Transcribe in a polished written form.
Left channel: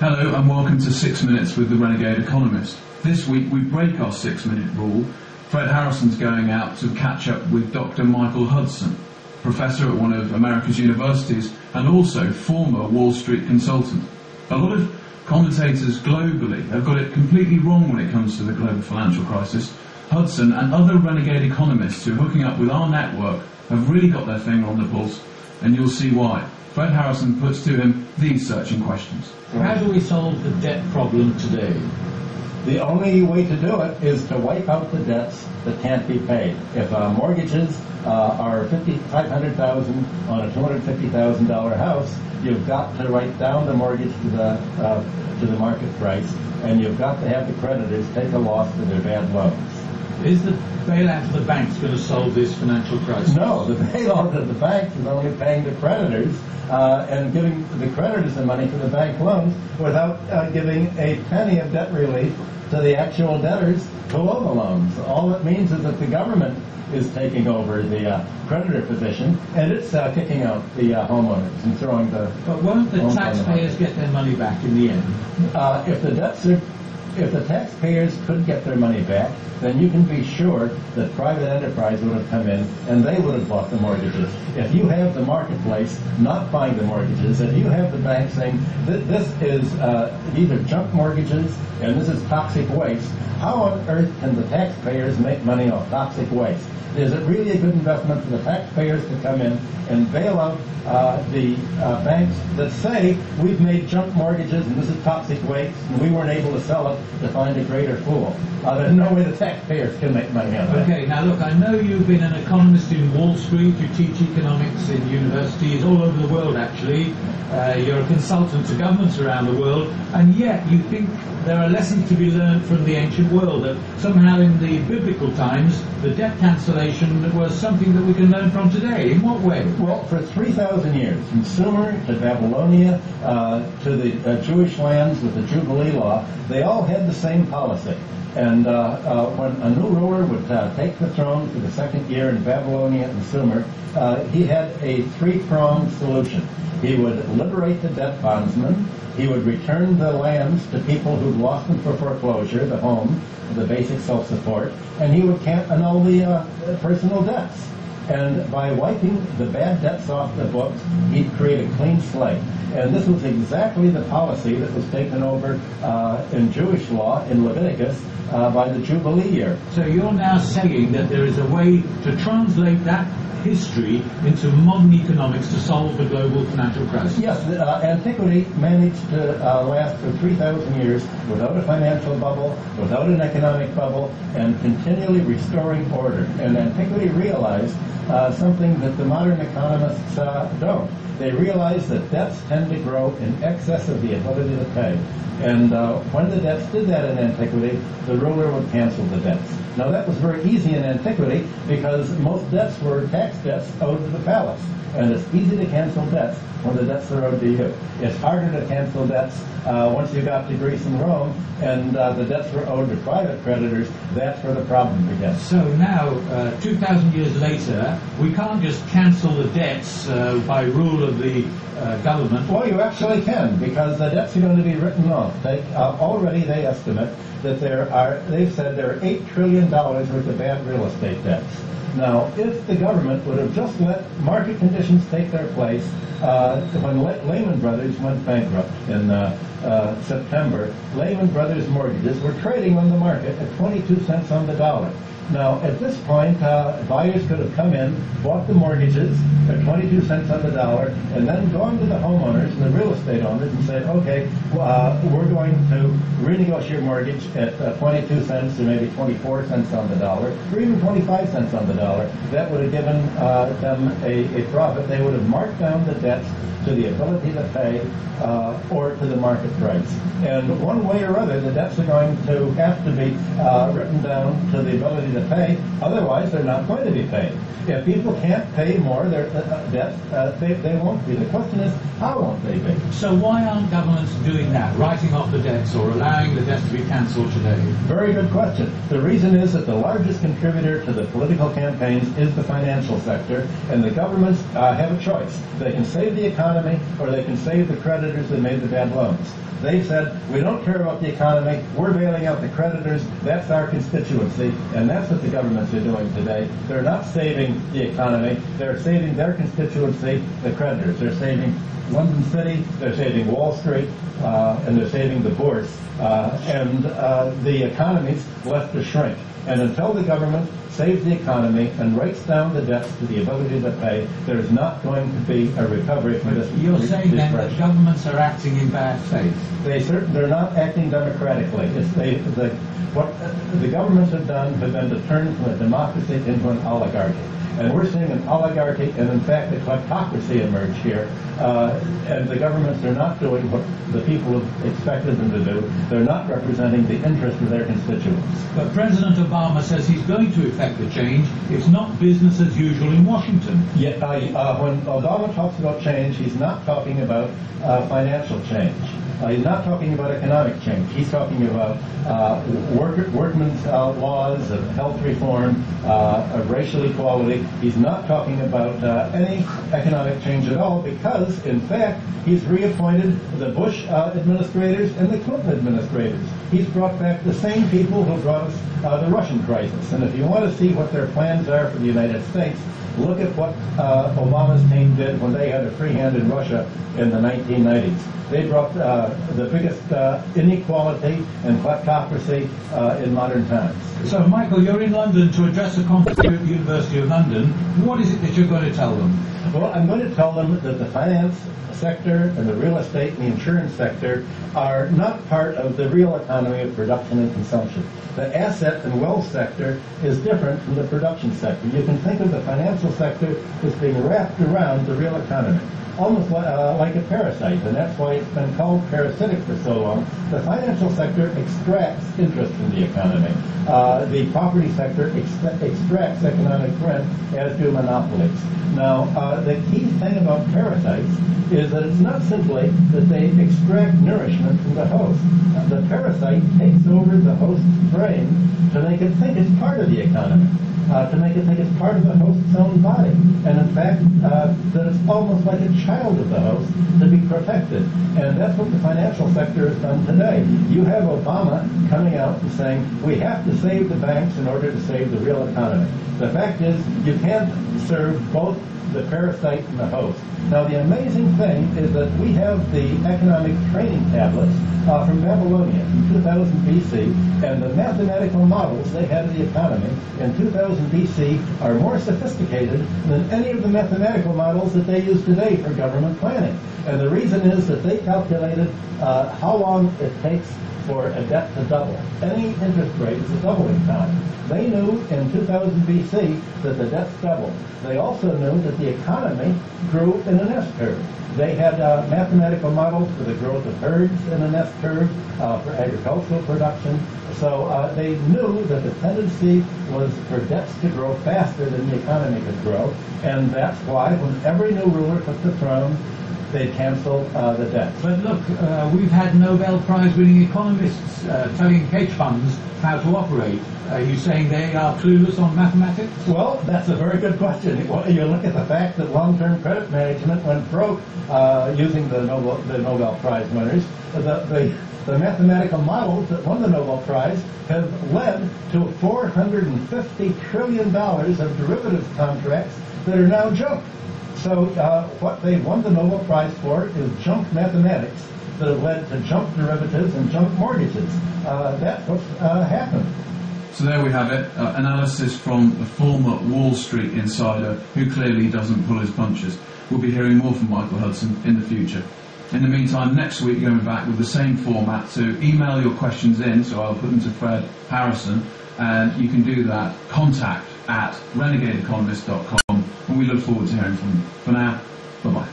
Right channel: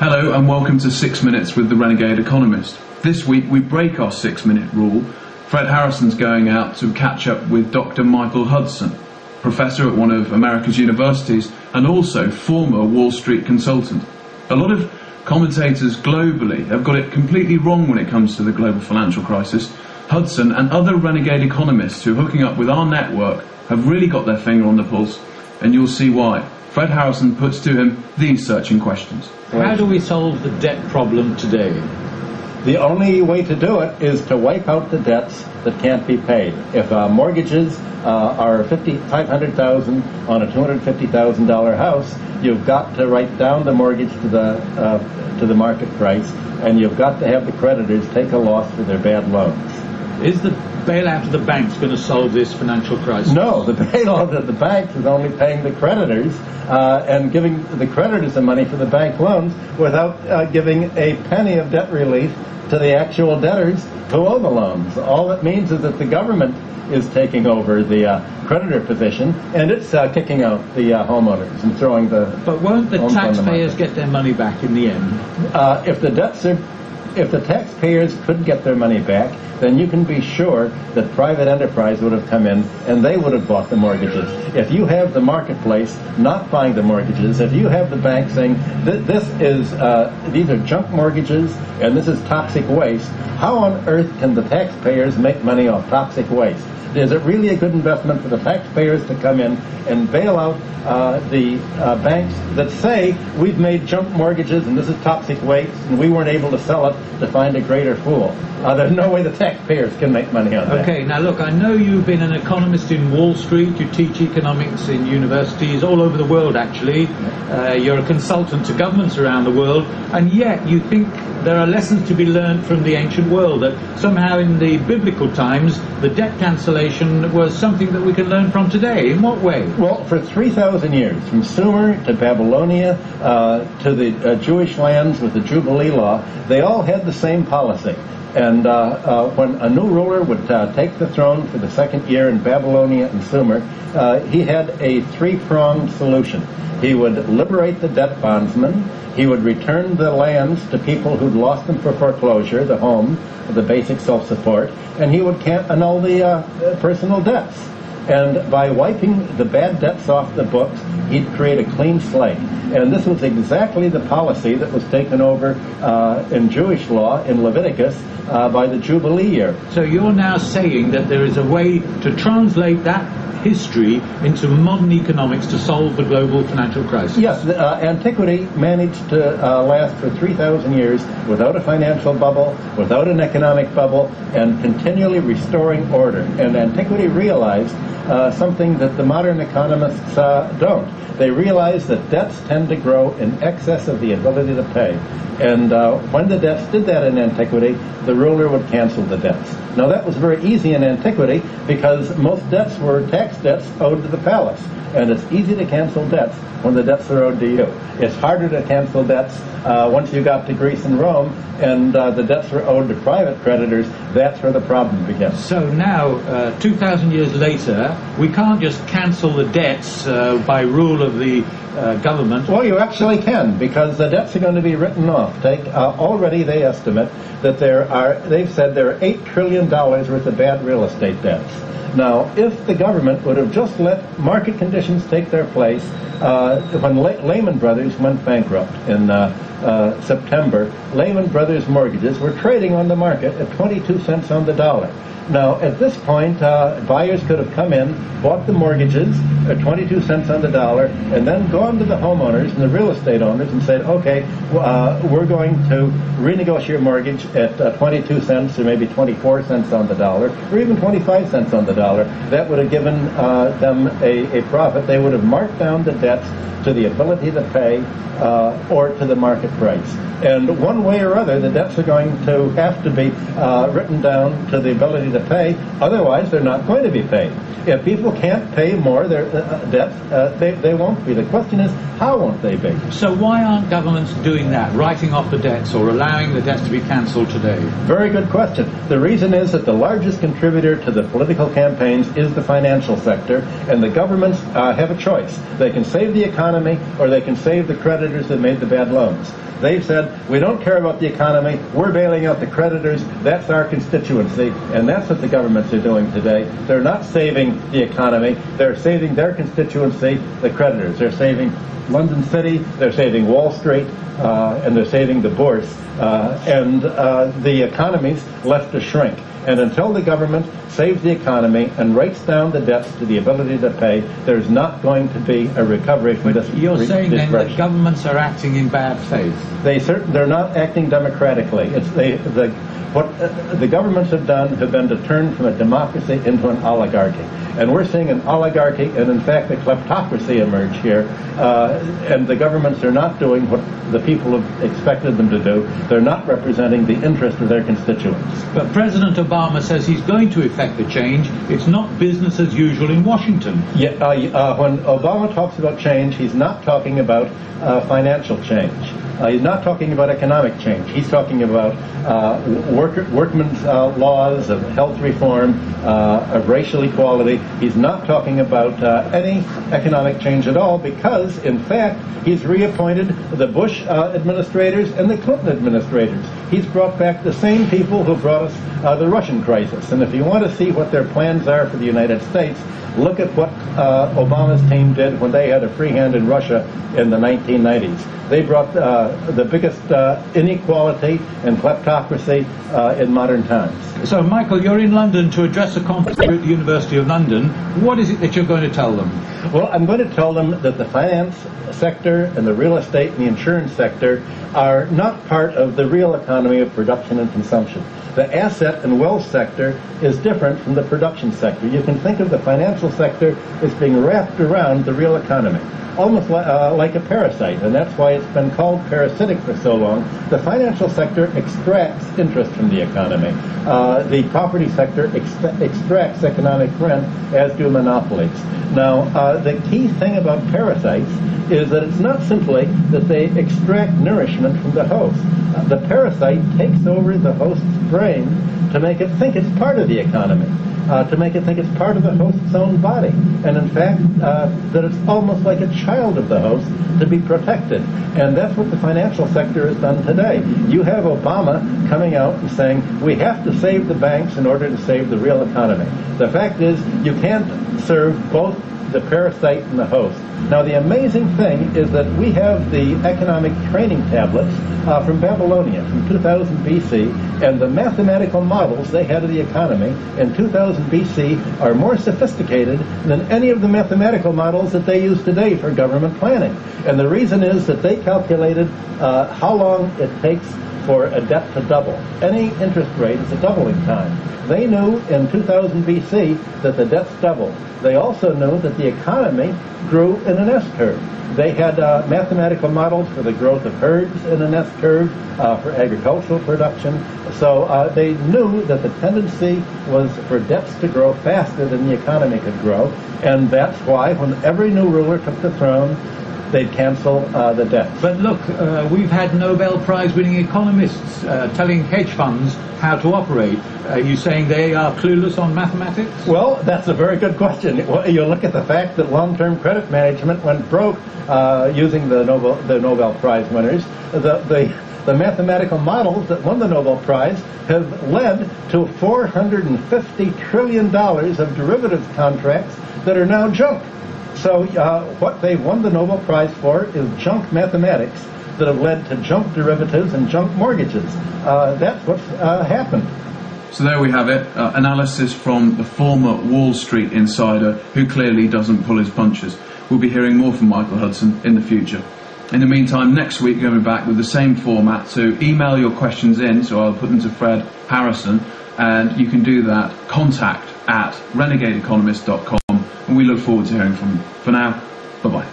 Hello and welcome to 6 Minutes with the Renegade Economist. This week we break our 6-minute rule. Fred Harrison's going out to catch up with Dr. Michael Hudson, professor at one of America's universities and also former Wall Street consultant. A lot of commentators globally have got it completely wrong when it comes to the global financial crisis. Hudson and other renegade economists who are hooking up with our network have really got their finger on the pulse, and you'll see why. Fred Harrison puts to him these searching questions. How do we solve the debt problem today? The only way to do it is to wipe out the debts that can't be paid. If mortgages are $500,000 on a $250,000 house, you've got to write down the mortgage to the market price, and you've got to have the creditors take a loss for their bad loans. Is the bailout of the banks going to solve this financial crisis? No, the bailout of the banks is only paying the creditors and giving the creditors the money for the bank loans without giving a penny of debt relief to the actual debtors who owe the loans. All it means is that the government is taking over the creditor position, and it's kicking out the homeowners and throwing the... But won't the taxpayers get their money back in the end? If the taxpayers could get their money back, then you can be sure that private enterprise would have come in and they would have bought the mortgages. If you have the marketplace not buying the mortgages, if you have the bank saying these are junk mortgages and this is toxic waste, how on earth can the taxpayers make money off toxic waste? Is it really a good investment for the taxpayers to come in and bail out the banks that say we've made junk mortgages and this is toxic waste and we weren't able to sell it to find a greater fool? There's no way the taxpayers can make money on that. Okay, now look, I know you've been an economist in Wall Street, you teach economics in universities all over the world actually, you're a consultant to governments around the world, and yet you think there are lessons to be learned from the ancient world, that somehow in the biblical times the debt cancellation was something that we can learn from today. In what way? Well, for 3,000 years, from Sumer to Babylonia to the Jewish lands with the Jubilee law, they all had the same policy. And when a new ruler would take the throne for the second year in Babylonia and Sumer, he had a three-pronged solution. He would liberate the debt bondsmen, he would return the lands to people who'd lost them for foreclosure, the home, the basic self-support, and he would annul the personal debts. And by wiping the bad debts off the books, he'd create a clean slate. And this was exactly the policy that was taken over in Jewish law in Leviticus by the Jubilee year. So you're now saying that there is a way to translate that history into modern economics to solve the global financial crisis? Yes, antiquity managed to last for 3,000 years without a financial bubble, without an economic bubble, and continually restoring order. And antiquity realized something that the modern economists don't. They realize that debts tend to grow in excess of the ability to pay. And when the debts did that in antiquity, the ruler would cancel the debts. Now that was very easy in antiquity because most debts were tax debts owed to the palace. And it's easy to cancel debts when the debts are owed to you. It's harder to cancel debts once you got to Greece and Rome and the debts were owed to private creditors. That's where the problem begins. So now, 2,000 years later, we can't just cancel the debts by rule of the government. Well, you actually can, because the debts are going to be written off. Already they estimate that they've said there are $8 trillion worth of bad real estate debts. Now, if the government would have just let market conditions take their place, when Lehman Brothers went bankrupt in September, Lehman Brothers mortgages were trading on the market at 22 cents on the dollar. Now, at this point, buyers could have come in, bought the mortgages at 22 cents on the dollar, and then gone to the homeowners and the real estate owners and said, okay, we're going to renegotiate your mortgage at 22 cents or maybe 24 cents on the dollar, or even 25 cents on the dollar. That would have given them a profit. They would have marked down the debts to the ability to pay or to the market price. And one way or other, the debts are going to have to be written down to the ability to pay. Otherwise, they're not going to be paid. If people can't pay more their debt, they won't be. The question is, how won't they be? So why aren't governments doing that, writing off the debts or allowing the debts to be cancelled council today? Very good question. The reason is that the largest contributor to the political campaigns is the financial sector, and the governments have a choice. They can save the economy, or they can save the creditors that made the bad loans. They've said, we don't care about the economy, we're bailing out the creditors, that's our constituency, and that's what the governments are doing today. They're not saving the economy, they're saving their constituency, the creditors. They're saving London City, they're saving Wall Street, and they're saving the bourse, and the economy's left to shrink. And until the government saves the economy and writes down the debts to the ability to pay, there's not going to be a recovery from this. You're saying then that governments are acting in bad faith? They're not acting democratically. What the governments have done have been to turn from a democracy into an oligarchy. And we're seeing an oligarchy and, in fact, a kleptocracy emerge here. And the governments are not doing what the people have expected them to do. They're not representing the interest of their constituents. But President Obama says he's going to effect the change. It's not business as usual in Washington. Yeah, when Obama talks about change, he's not talking about financial change. He's not talking about economic change. He's talking about workmen's laws, of health reform, of racial equality. He's not talking about any economic change at all because, in fact, he's reappointed the Bush administrators and the Clinton administrators. He's brought back the same people who brought us the Russian crisis. And if you want to see what their plans are for the United States, look at what Obama's team did when they had a free hand in Russia in the 1990s. They brought the biggest inequality and kleptocracy in modern times. So, Michael, you're in London to address a conference here at the University of London. What is it that you're going to tell them? Well, I'm going to tell them that the finance sector and the real estate and the insurance sector are not part of the real economy of production and consumption. The asset and wealth sector is different from the production sector. You can think of the financial sector as being wrapped around the real economy, almost like a parasite, and that's why it's been called parasitic for so long. The financial sector extracts interest from the economy. The property sector extracts economic rent, as do monopolies. Now, the key thing about parasites is that it's not simply that they extract nourishment from the host. The parasite takes over the host's brain to make it think it's part of the economy, to make it think it's part of the host's own body, and in fact that it's almost like a child of the host to be protected. And that's what the financial sector has done today. You have Obama coming out and saying we have to save the banks in order to save the real economy. The fact is you can't serve both the parasite and the host. Now, the amazing thing is that we have the economic training tablets from Babylonia from 2000 BC, and the mathematical models they had of the economy in 2000 BC are more sophisticated than any of the mathematical models that they use today for government planning. And the reason is that they calculated how long it takes for a debt to double. Any interest rate is a doubling time. They knew in 2000 BC that the debts doubled. They also knew that the economy grew in an S-curve. They had mathematical models for the growth of herds in an S-curve, for agricultural production. So they knew that the tendency was for debts to grow faster than the economy could grow. And that's why when every new ruler took the throne, they'd cancel the debt. But look, we've had Nobel Prize-winning economists telling hedge funds how to operate. Are you saying they are clueless on mathematics? Well, that's a very good question. You look at the fact that long-term credit management went broke using the Nobel Prize winners. The mathematical models that won the Nobel Prize have led to $450 trillion of derivatives contracts that are now junk. So what they won the Nobel Prize for is junk mathematics that have led to junk derivatives and junk mortgages. That's what's happened. So there we have it, analysis from the former Wall Street insider who clearly doesn't pull his punches. We'll be hearing more from Michael Hudson in the future. In the meantime, next week we're going to be back with the same format, so email your questions in, so I'll put them to Fred Harrison, and you can do that, contact@renegadeeconomist.com, and we look forward to hearing from you. For now, bye-bye.